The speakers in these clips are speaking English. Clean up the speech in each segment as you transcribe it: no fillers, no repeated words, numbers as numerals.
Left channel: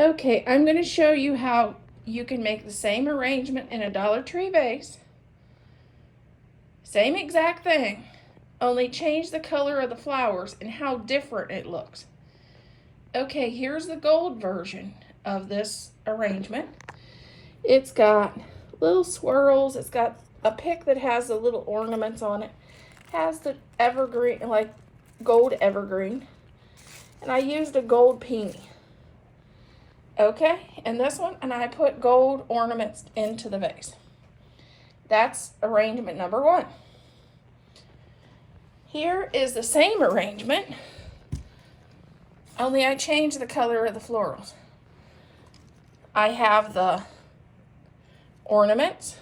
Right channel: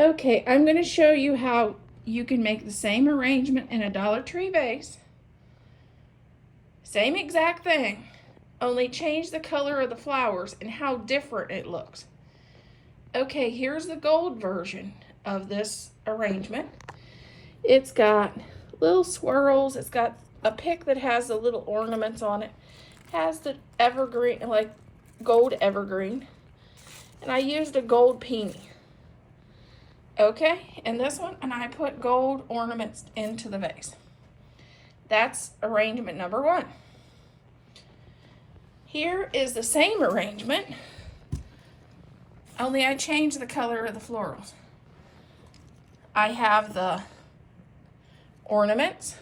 Okay, I'm going to show you how you can make the same arrangement in a Dollar Tree vase. Same exact thing, only change the color of the flowers and how different it looks. Okay, here's the gold version of this arrangement. It's got little swirls, it's got a pick that has the little ornaments on it, has the evergreen, like gold evergreen, and I used a gold peony. Okay, and this one, and I put gold ornaments into the vase. That's arrangement number 1. Here is the same arrangement, only I changed the color of the florals. I have the ornaments.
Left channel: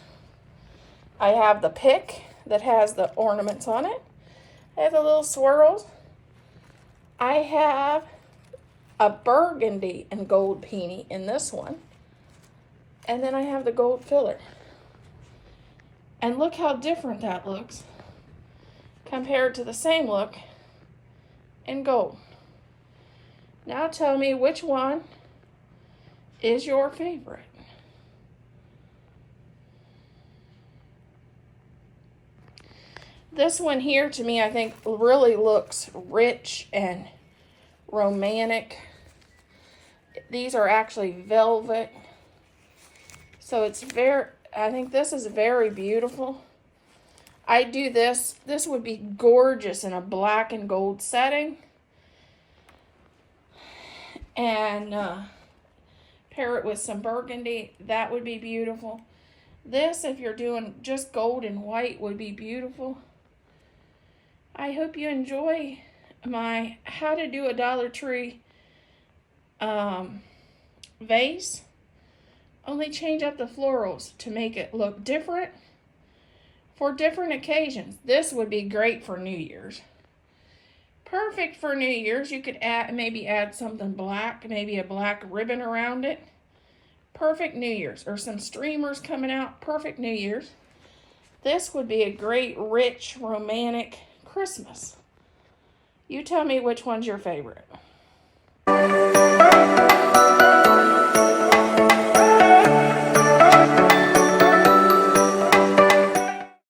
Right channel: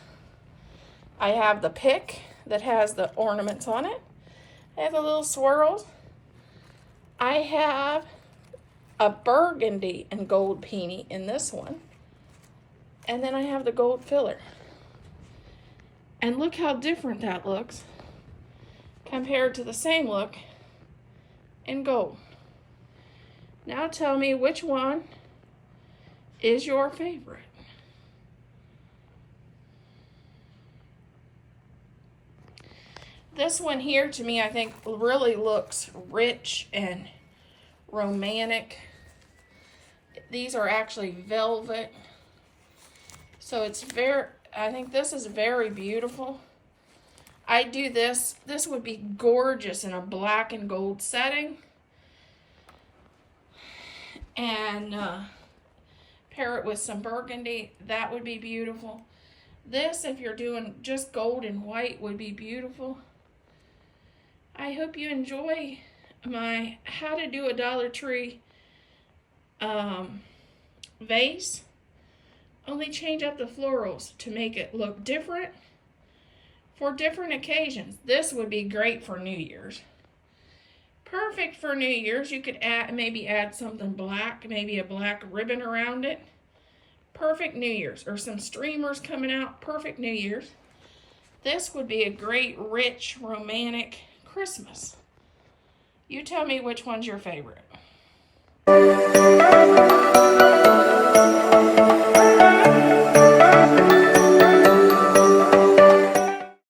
I have the pick that has the ornaments on it. I have the little swirls. I have a burgundy and gold peony in this one. And then I have the gold filler. And look how different that looks compared to the same look in gold. Now tell me which one is your favorite. This one here to me I think really looks rich and romantic. These are actually velvet. So it's I think this is very beautiful. I do this would be gorgeous in a black and gold setting. And pair it with some burgundy, that would be beautiful. This, if you're doing just gold and white, would be beautiful. I hope you enjoy my how to do a Dollar Tree vase. Only change up the florals to make it look different for different occasions. This would be great for New Year's. Perfect for New Year's. You could maybe add something black, maybe a black ribbon around it. Perfect New Year's. Or some streamers coming out. Perfect New Year's. This would be a great, rich, romantic Christmas. You tell me which one's your favorite.